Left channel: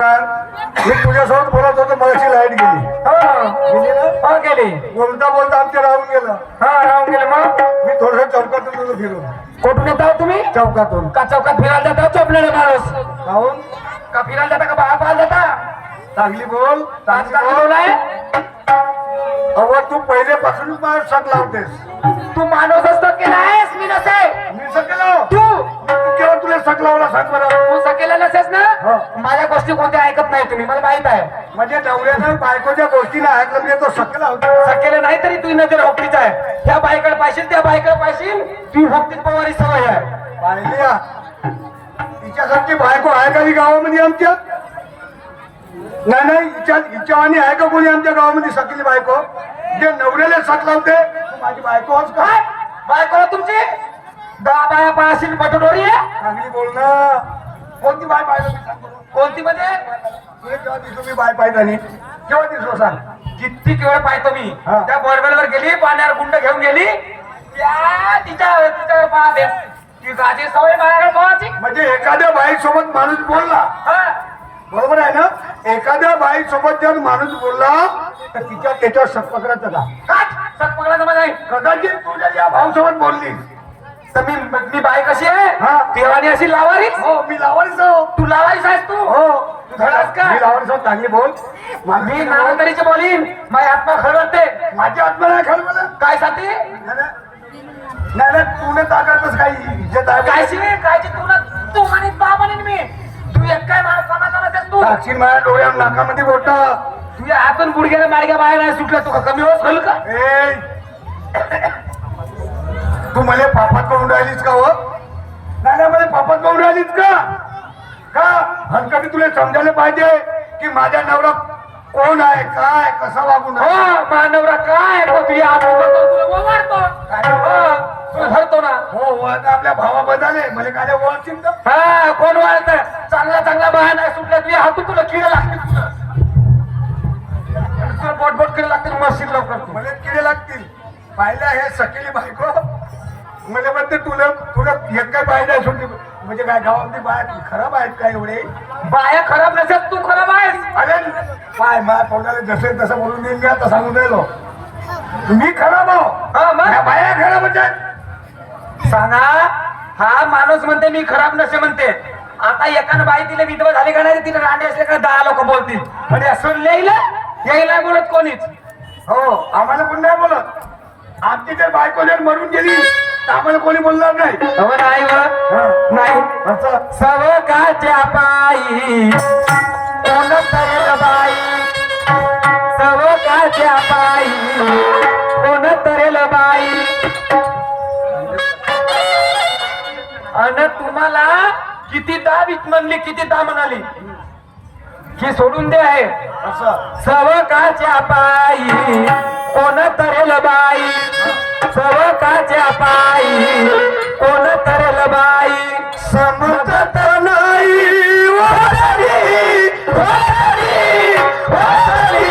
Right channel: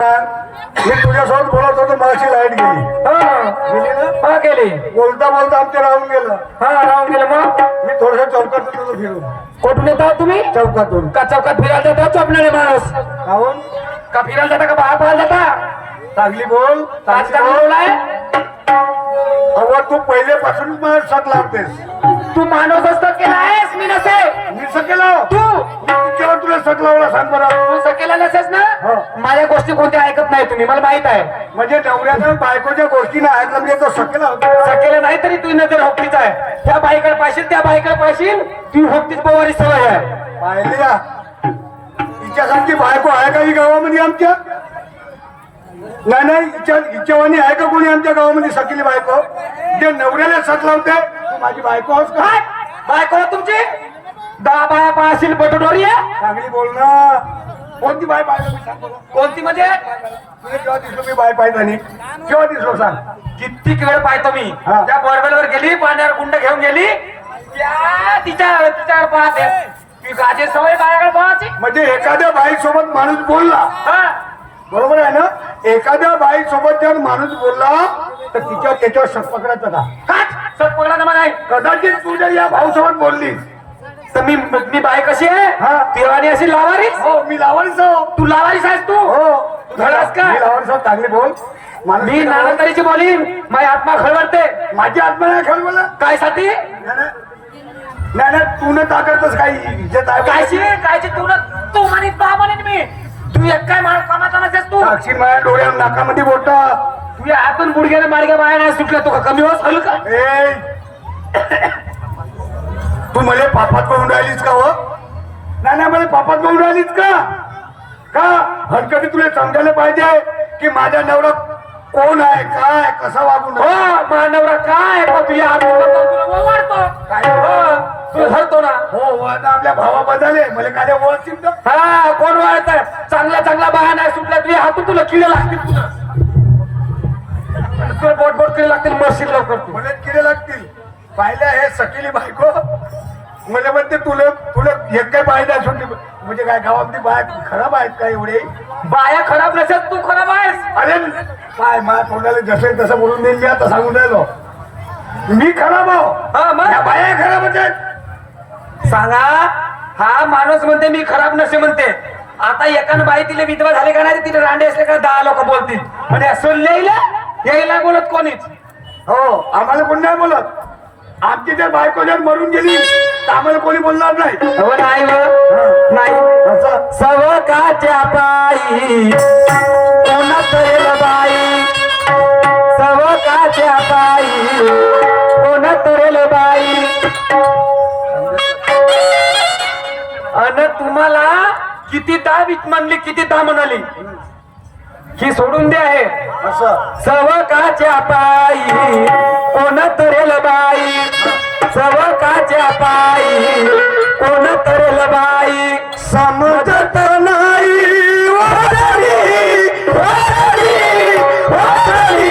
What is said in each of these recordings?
मी तुझ्यासोबत बोलत होतो माझी लाईट गेली. गेली ना? हा गेली. बोलता बोलता आमच्या राहून गेलं. हा राहून गेलं. मग मी थोडस चौकातून तुझं फिरून कुठून येतो तुम्ही? चौकातून का चौकात फिरायला जाता चोपलेले माणूस? राहून का फिरायला जाता का बाहेर पाहायला जाता? चांगली बोल आज का बोललाय? अगं तू पहिल्यापासूनच मला शक लावतेस. तू माणूस असतो केला आहेस मी नसे. मी सकेलो तू केव्हा तुला शक लावला सांग मला. तू सकेला नसेस ना? हो. माझ्या गोष्टी कोणत्या ऐकत नाही तुम्ही, मला माहित आहे. म्हणजे नवऱ्याच्या बायकोच्या गोष्टी नाही ऐकत मी तर सकेला होतो. सकेले नाही तरी तू नजर होपटीच आहे. त्या बाईकडे पाशील त्या बाईकडे पाशील तू होपटीच पवारी सवय आहे. पाहिली का तिच्यासारखी बायको आहे का ही गावामध्ये आमच्या? नाही हिच्यावानी आहे का कोणी आमच्या गावामध्ये सकेली बायको जे नवऱ्याला शक लावते? तू माझी बायको आहेस का? काय बायको तुमची? दहा बाया पाशील पटोरी आहे. चांगली बोल ना. कोणती बाय पाहिलं मी सांग बरं. कोणती म्हणजे? तुला केव्हा दिसलो मी बाय पाहिजे आणि केव्हा दिसलो सांग. कित्येक वेळ पाहतो मी. हा. त्या बॉर्डरवर गेली, पाण्यावर गुंड घेऊन गेली, त्या तिच्यावर पाहते ती गाजे सवय बाळाकडे पाहायची. म्हणजे एखाद्या बाईसोबत माणूस बोलला हा. बरोबर आहे ना? एखाद्या बाईसोबत जर माणूस बोलला तर त्याच्यावर शक पकडायचं का? हात सत पकडा ना मला. कदाचित तू जर या भाऊसोबत बोलली तर मी बाई कशी आहे? हा. तेवानी अशी लावारीच. हो मी लावारीच आहो. तू लावारीच आहेस तू. हो धडास का? मी लावारीच आहो. चांगली बोल. मी नानंदरीची बोलीन. माझी आत्मा खळवळते. माझी आत्मा नाही खाल मला. काय साठी? नाही तू न ताकदच काही इज्जत आहे कायची तू म्हणे बा म्हणेन मी. तू एक काय माणूस कामाचा नसेस तू. साक्षी माझ्या डोळ्यावर नाकामध्ये बोटा. तुझ्या हातून गुडघ्याने माडग्या बाहेर नाही सुटल्या. तू कमी वाज खाल का? ए तू मला पापात पाहून राहिलीस का? हो नाही मला पापात पाहून राहिलीस का हरकती तुला समजायला पाहिजे की माझा नवरा कोण आहे, काय कसा वागून हो मानवरा काय तुझ्या मारतो तू धरतो ना. हो आता आपल्या भावा बदले मला काय ओळखतील तर. हा कोण वाळत चांगला बाहेर नाही सुटला तुझ्या हातून तुला किडे लागतील. तुला बोट किडे लागतील. मशीन लवकर तू. मला किडे लागतील. पाहिलं हे सकेली बायको म्हणजे म्हणते तुला एक काय पाहिजे सुटली म्हणजे काय गावातली बाय खराब आहेत का एवढे? बाया खराब नसेल तू खराब आहेस. अरे काय माझ्या तोंडाला जसं तसं बोलून देईन मी आता सांगून राहिलो. मी खराब आहो. हा मग या बाया खराब आहेत. सांगा. हा माणूस म्हणते मी खराब नसे म्हणते. आता एकानं बाई तिला विधवा झाली का नाही तिला रांडे असले का 10 लोक बोलतील. म्हणजे असं यायला बोलत कोणीच. हो आम्हाला कोण नाही बोलत. आमची जर बायको जर मरून गेली तर आम्हाला कोणी बोलणार नाही. हो नाही नाही असं सवकाच्या पायी कोण तरेल बाई. सवकाच्या पायी कोण तरेल बाई. अन तुम्हाला किती दाब म्हणली किती दा म्हणाली ही सोडून दे आहे. असं सवकाच्या पायी कोण तरेल बाई. सवकाच्या पायी कोण तरल बाई. समजत नाही वाटारी, वाटारी, वाटारी.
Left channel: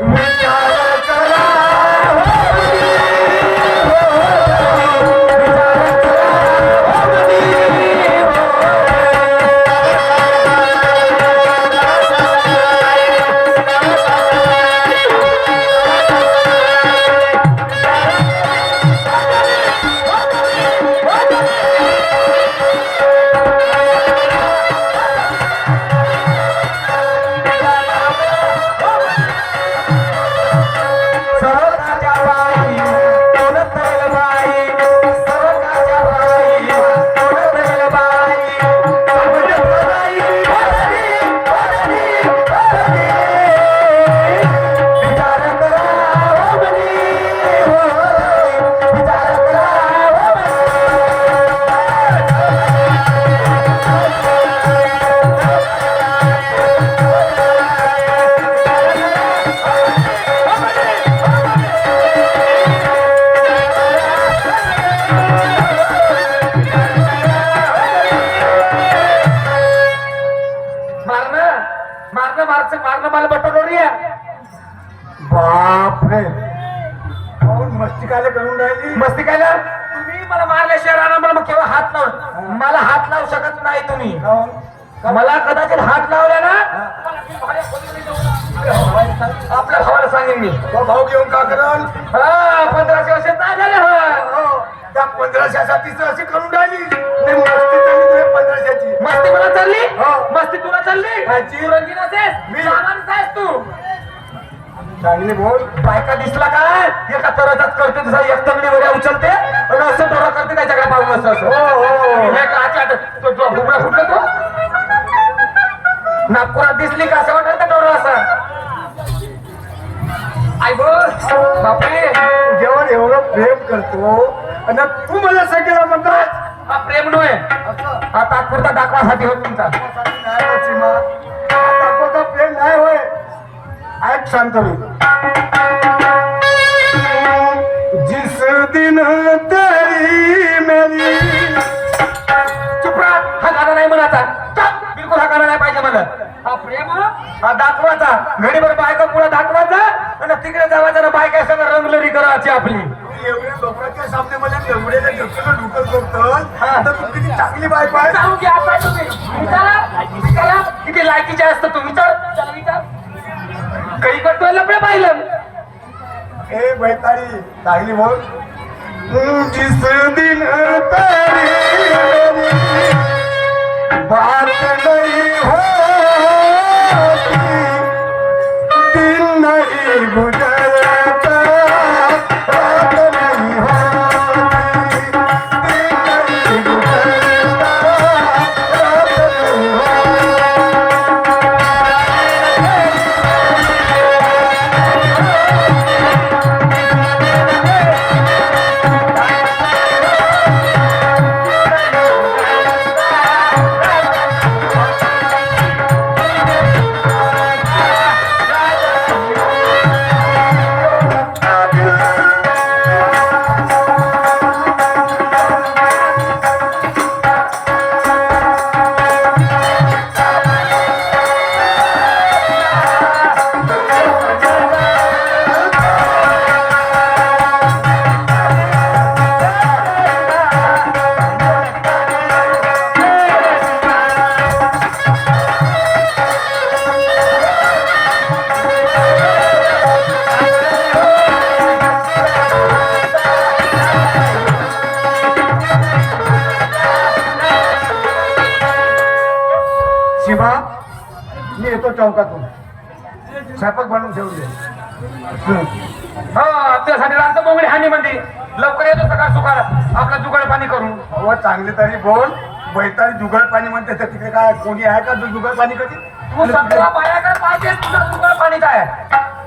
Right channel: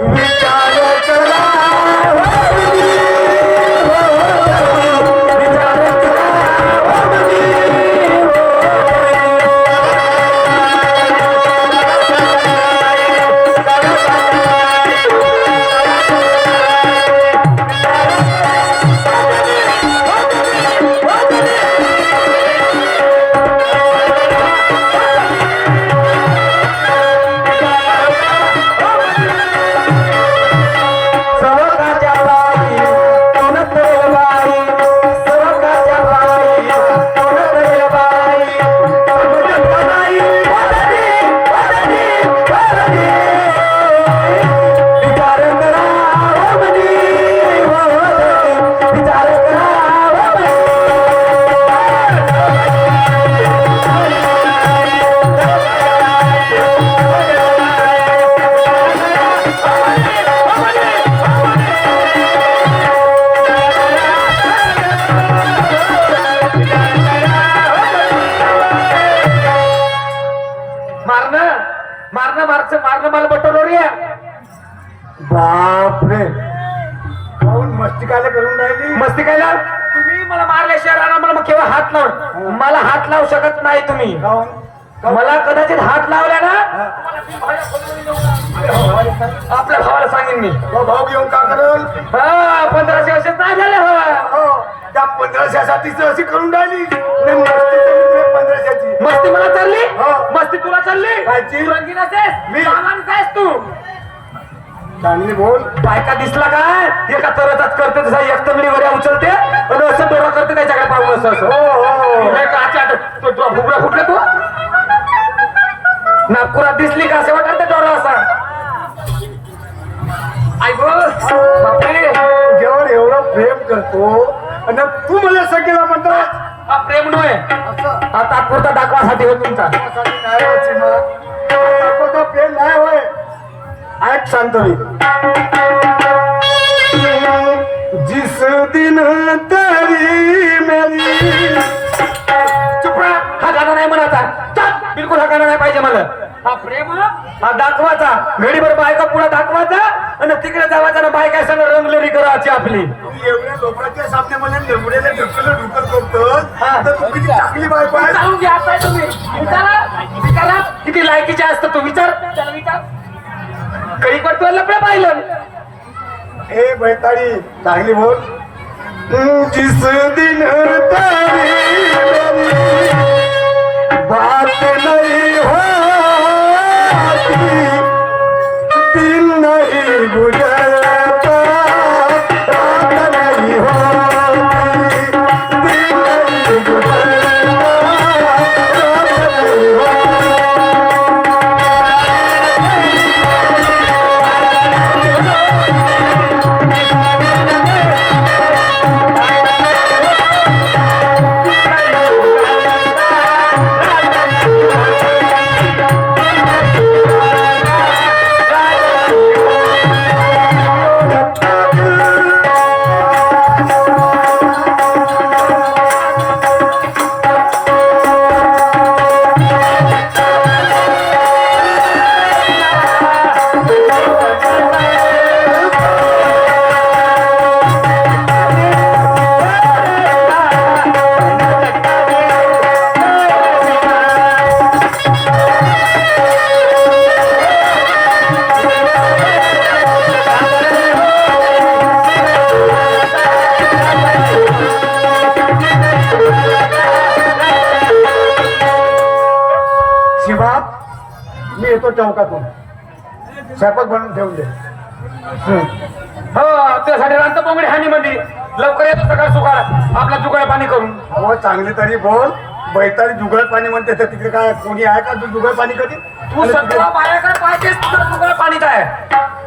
विचार करा मारणं मला बटोरी. बापरे काऊन मस्ती काय करून राहिली? मस्ती काय तुम्ही मला मारल्याशिवाय राहणार मला मग केव्हा हात लाव मला हात लावू शकत नाही तुम्ही मला कदाचित हात लावला ना आपल्या भावाला सांगेन मी भाऊ घेऊन का कराल 1500 वर्ष नाही झाले हो. त्या 1500साठीच अशी करून राहिली नाही, मस्ती चालली तुझ्या 1500ची. मस्ती मला चालली हो. मस्ती तुला चालली कायची? तू रंगीन आहेस मी? सामान्यच आहेस तू चांगली बोल. बायका दिसला काय एका तरचाच करते तसा एक तंगडी वगैरे उचलते आणि असं डोळा करते त्याच्याकडे पाहून असं असं हे काच्या तो भुगडा फुटला तो नागपुरात दिसली का असं वाटत त्या डोळा असं आई बापरे तुझ्यावर एवढं प्रेम करतो आणि तू मला सगळ्याला म्हणतात हा प्रेम नव्हे हा तात्पुरता दाखवासाठी हो तुमचा प्रेम नाही होय. ऐक शांत मी. जिस दिन तेरी मेरी चुप राहा हा गाणं नाही म्हणायचा चुप बिलकुल हा गाणं नाही पाहिजे मला हा प्रेम हा दाखवायचा घडीभर बायका पुढे दाखवायचा आणि तिकडे जावायचा ना बायका सगळं रंगलरी करायची आपली एवढ्या लोकांच्या सामने मला एवढ्या ढकल करतो तर तू किती चांगली बायको आहे. चालू घ्या आता तुम्ही विचारा किती लायकीचे असतं तू विचार त्याला विचार काही करतोय लपड्या पाहिलं ए बैताडी चांगली बोल. जिस दिन तारी बात नहीं होती दिल नहीं गुजरता बात नहीं होती दिल नहीं गुजरता बात नहीं होती. शिवा मी येतो चौकातून स्वयंपाक बनवून ठेवून दे. हो त्यासाठी रांत बोंगडी हानी मध्ये लवकर येतो सकाळ सुकाळ आपला जुगाड पाणी करून हो चांगली तरी बोल. बैताडी जुगळ पाणी म्हणते तर तिथे काय कोणी आहे का तू जुगळ पाणी कधी तू सगळा पायाकडे पाहिजे तुला जुगाड पाणीच आहे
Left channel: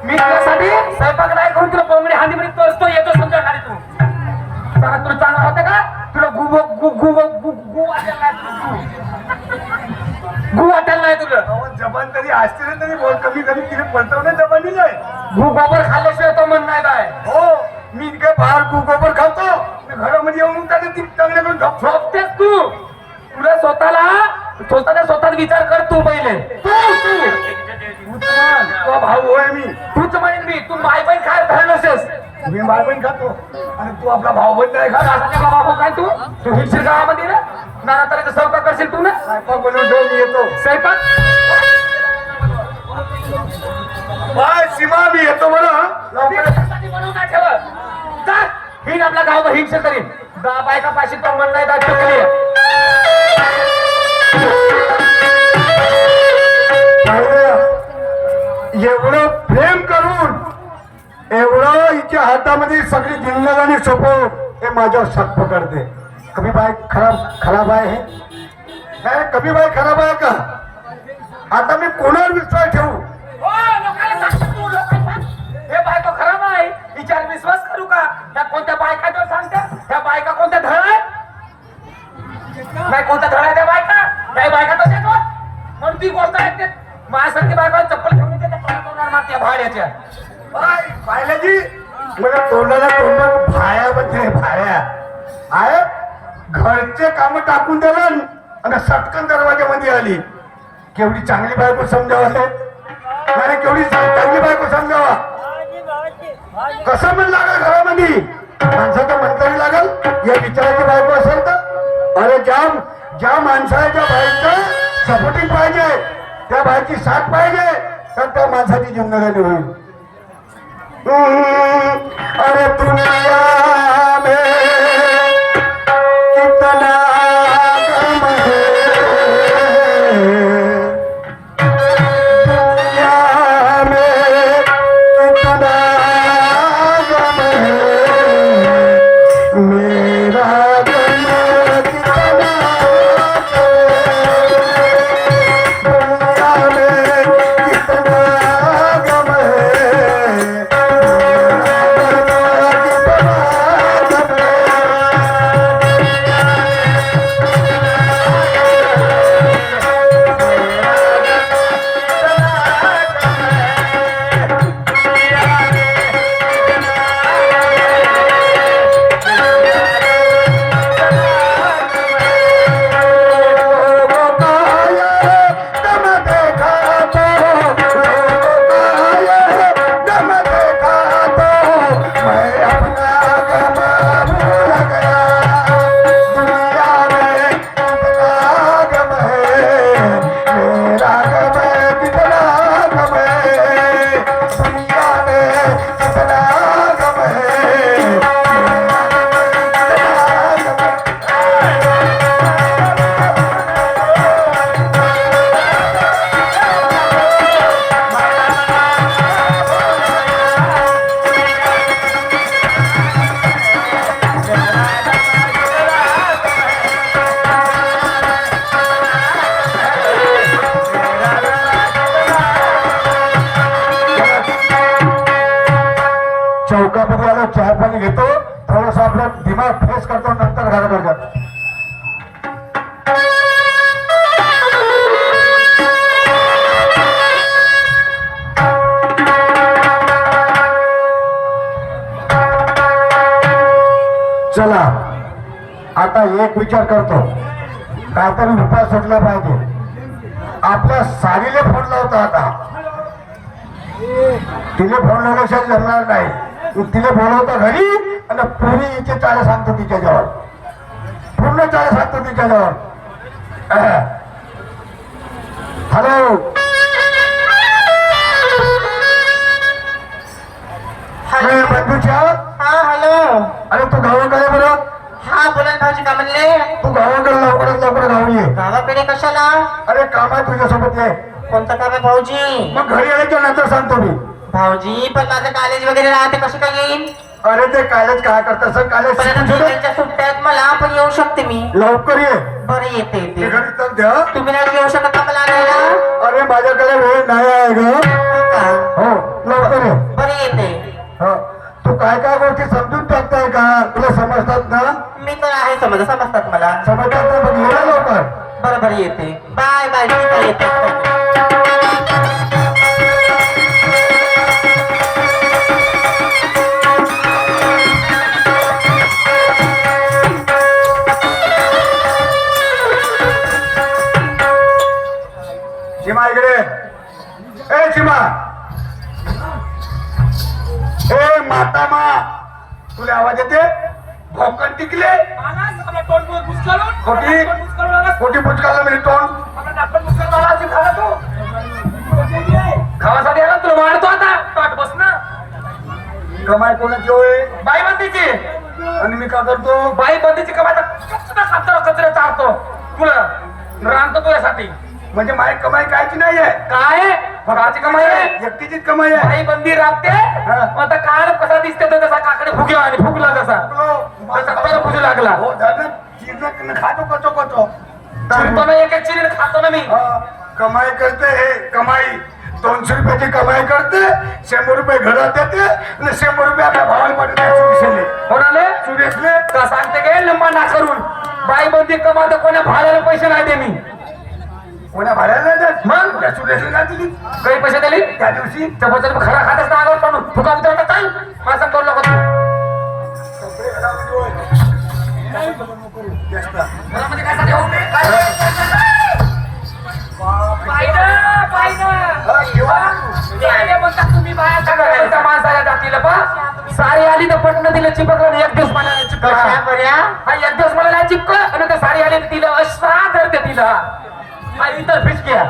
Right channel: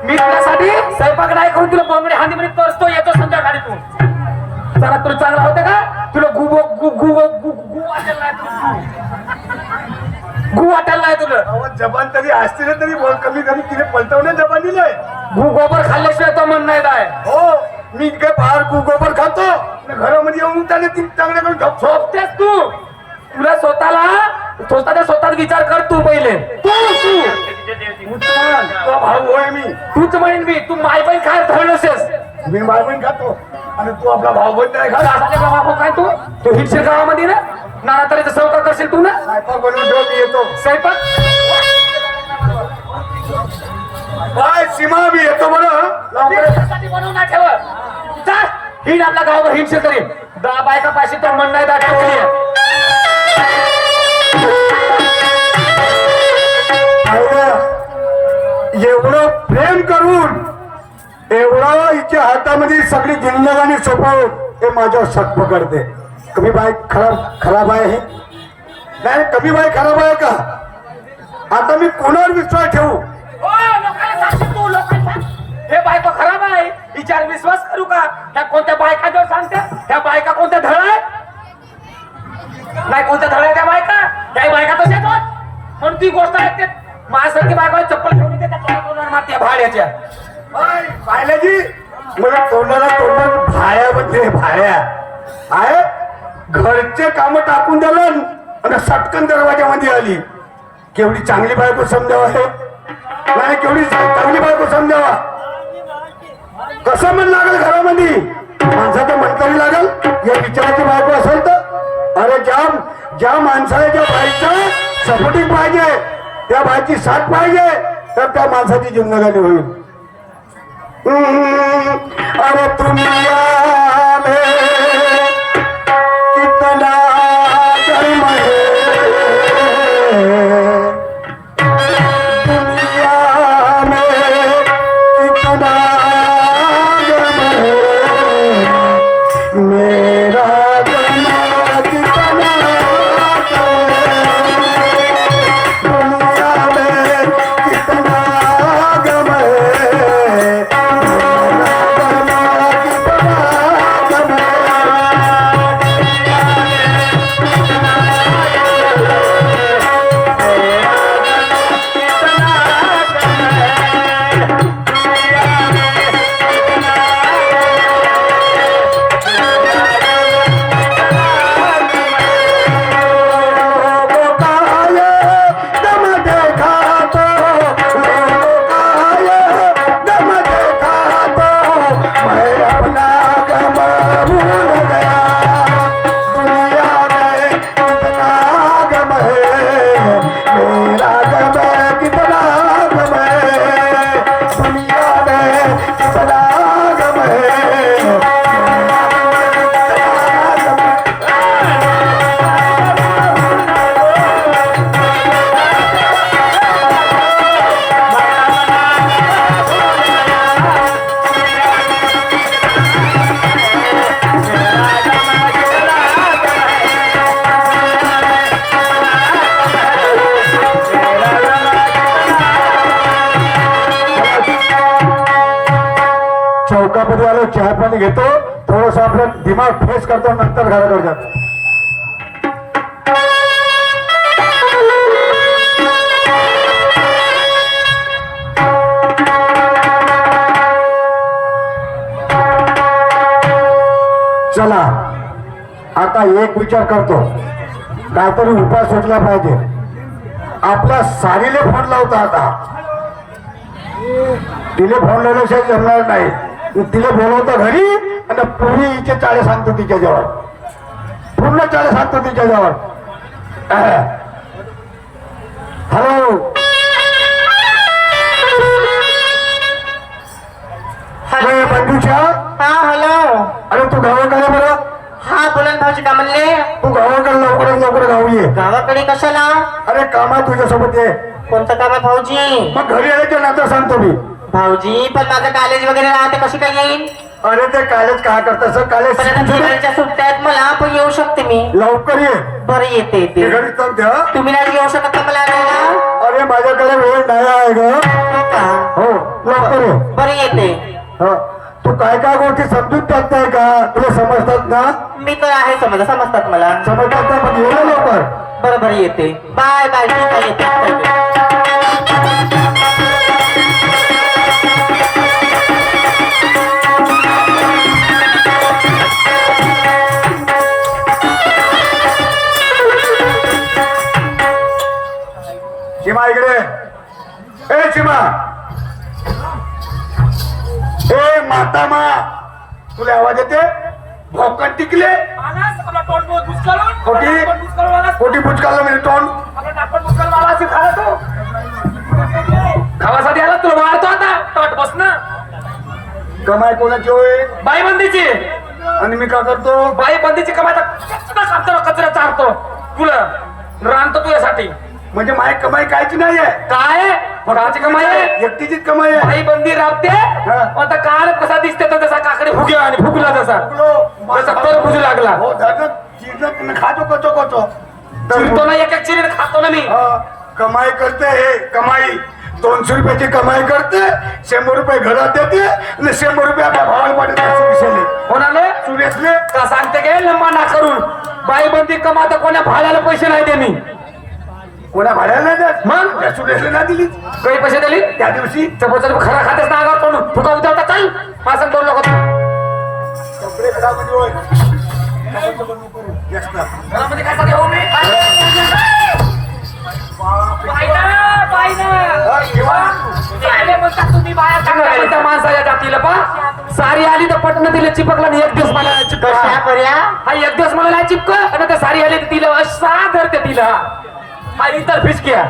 मी तुझ्यासाठी स्वयंपाक नाही करून तुला बोंगडी हानी मध्ये तोचतो येतो संध्याकाळी तू जरा तुला चांगलं होतं का तुला गु वाटायला नाही तुला जबान तरी असते ना तरी बोल. कमी कमी तिने पलटवणे जबान दिलंय. गोबर खाल्ल्याशिवाय तो म्हण नाही काय हो मी काय फार गोबर खातो घरामध्ये येऊन त्याने ती चांगल्याकडून झोपतेस तू तुला स्वतःचा विचार कर तू पहिले तुझा भाऊ आहे मी. तूच म्हणेन मी तू माय पण काय धरणसेस मी मागून खातो आणि तू आपला भाऊ बंद आहे का बाबा काय तू हिरशेर गावामध्ये ना नाना तऱ्हेचा चौका करशील तू ना स्वयंपाक बनवून ठेव मी येतो. स्वयंपाक बाय सीमा मी येतो बरं लवकर. बनवून नाही ठेव जा हिंड आपला गाव हिंडशेर करीन बायका पाशी तर म्हण नाही दाट टुकली एवढं प्रेम करून एवढं हिच्या हातामध्ये सगळी जिंदगानी सोपवून हे माझ्यावर शक पकडते. कमी बाय खराब आहे हे नाही कमी बाय खराब आहे का. आता मी कोणावर विश्वास ठेवू. हे बायको खराब आहे हिच्यावर विश्वास करू का त्या कोणत्या बायका जो सांगत्या त्या बायका कोणत्या धड आहे नाही कोणत्या धड आहे त्या बायका तशाच म्हणून ती गोष्ट ऐकते माझ्यासारखी बायका चप्पल घेऊन येते त्या मारते भाड्याच्या पाहिल्याची मला तोंडाला भाया म्हणते भाया आहे घरचे काम टाकून दिलं आणि सटकन दरवाजामध्ये आली. केवढी चांगली बायको समजावा हे नाही केवढी चांगली बायको समजावा कसं म्हण लागलं घरामध्ये माणसाचं म्हणतरी लागल या विचाराची बायको असेल तर अरे ज्या माणसाच्या बाईचं सपोर्टिंग पाहिजे त्या बाईची साथ पाहिजे तर त्या माणसाची जिंदगानी होईल अरे दुनिया में कितना गम है दुनिया में कितना गम है मेरा दुनिया कितना दुनिया में कितना गम है चौकामध्ये आलो चहा पाणी घेतो थोडस आपलं दिमाग फ्रेश करतो नंतर घराकडे जातो चला आता एक विचार करतो काहीतरी उपाय सुचला पाहिजे आपल्या सारीला फोन लावता आता तिने फोन लावल्याशिवाय जमणार नाही तिला बोलवतो घरी आणि पुरी हिचे चाळे सांगतो तिच्याजवळ पूर्ण चाळे सांगतो तिच्याजवळ हॅलो बंधूच्या हा हॅलो अरे तू गावाकडे बरं हा बोला ना भाऊजी का म्हणले तू गावाकडे लवकर गावी ये गावाकडे कशाला अरे कामात तुझ्यासोबत आहे कोणतं काम आहे भाऊजी मग घरी आल्याच्या नंतर सांगतो मी भाऊजी पण माझं कॉलेज वगैरे राहते कशी काय येईल अरे ते कॉलेज काय करत कॉलेज पण आता दिवाळीच्या सुट्ट्यात मला पण येऊ शकते मी लवकर ये बरं येते ते येते घरी तर द्या तुम्ही नाही येऊ शकत का मला आणायला? अरे माझ्याकडे वेळ नाही आहे ग हो का? हो लवकर ये बरं येते हा तू काय गोष्टी समजून टाकताय का तुला समजतात ना मी तर आहे समजतात मला समजतात ना पण एवढं लवकर बरं बरं येते बाय बाय ठीक आहे येते चिमा इकडे ए चिमा ए माता मा तुला आवाज येते भोकन टिकले कोटी पुचकाला म्हणजे तोंड खावासाठी आला तुला वाढतो आता ताट बस ना कमाई कोणाची होय बाई बंदीची आणि मी का करतो बाई बंदीची कमाई कचरा चालतो तुला राहतो तुझ्यासाठी म्हणजे माझी कमाई कायची नाहीये काय कोणाची कमाई आहे एकटीचीच कमाई आहे बाई बंदी राबते आता काल कसा दिसते तो तसा काकडे फुगला आणि फुगला तसा जसा तर बुजू लागला हो धरण चिरण खातो कचो कचो चिरतो ना एक चिरीन खातो ना मी कमाई करते हे कमाई 200 रुपयाची कमाई करते 100 रुपये घरात देते आणि 100 रुपये आपल्या भावाला पडते कोणाले सुरेशने का सांगते गे लंबा ना करून बाई बंदी कमावतो कोणा भाड्याला पैसे नाही दे मी कोणा भाड्याला नाही देत मग सुरेशने नाही दिली काही पैसे दिली त्या दिवशी चपचल खरा खातेच नागावर पण फुका उतरवता चाल माझं दोन लोक कपडे घरामध्ये होय जास्त घरामध्ये काय सांगते हो मी माणसाला जातील पण सारी आली तर पटणं तिला चिपकला आणि एक दिवस मला चिपकला कशा बऱ्या हा एक दिवस मला चिपकल आणि त्या सारी आली तर तिला असा धरते तिला हा इतर फिसकिया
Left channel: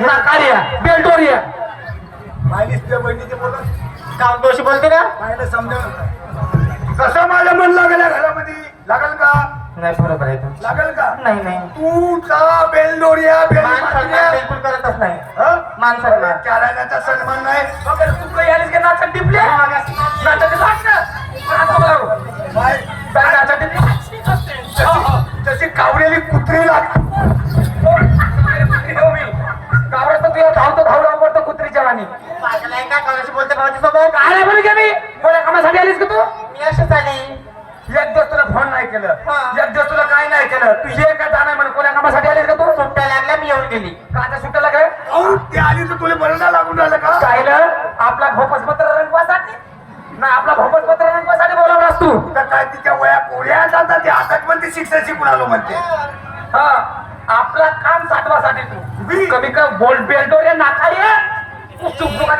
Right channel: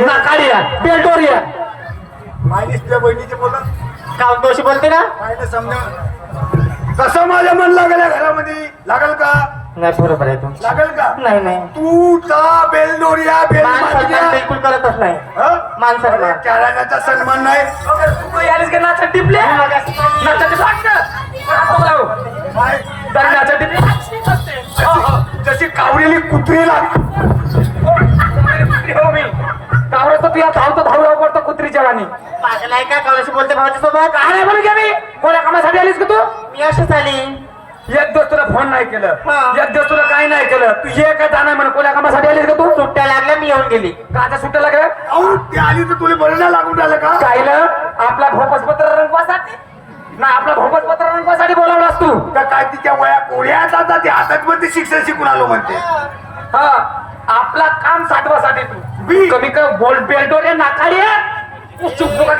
नाकारिया बेल्टोरिया माहिती तुझ्या बहिणीचे बोलून काऊन तू अशी बोलते का पाहिलं समजून कसं माझं मन लागलं घरामध्ये लागल का नाही बरोबर आहे तू लागल का नाही नाही तूचा बेलडोरिया माणसाला बिलकुल करतच नाही माणसाला. चाराण्याचा सन्मान नाही तू यायलाच का नाचत टिपले नाचत काय? नाचत टिपले जशी कावलेली कुत्रे कावळं तर तुला धावतो धावला पडतो कुत्रीच्या गाणी पागल आहे का कावल्याशी बोलते माझ्यासोबत काय बोल की मी कोणा कामासाठी आलीस का तू मी अशीच आली एक दिवस तुला फोन नाही केलं हा. एक दिवस तुला काय नाही केलं तू ये का जाणार म्हण कोणा कामासाठी आलीस का तू सुट्ट्या लागल्या मी येऊन गेली का आता सुट्ट्या लागल्या अहो ते आली तर तुला बरं नाही लागून राहिलं का काय ना आपला भोपसपत्र रंगवासाठी ना आपला भोपसपत्र रंगवासाठी बोलवलास तू तर काय तिच्या वया कोड्या जातात ते हातात म्हणते शिक्षण शिकून आलो म्हणते हा आपला काम साठवासाठी तू मी? कमी का बोल बेल्टोरे नाकारिया चुप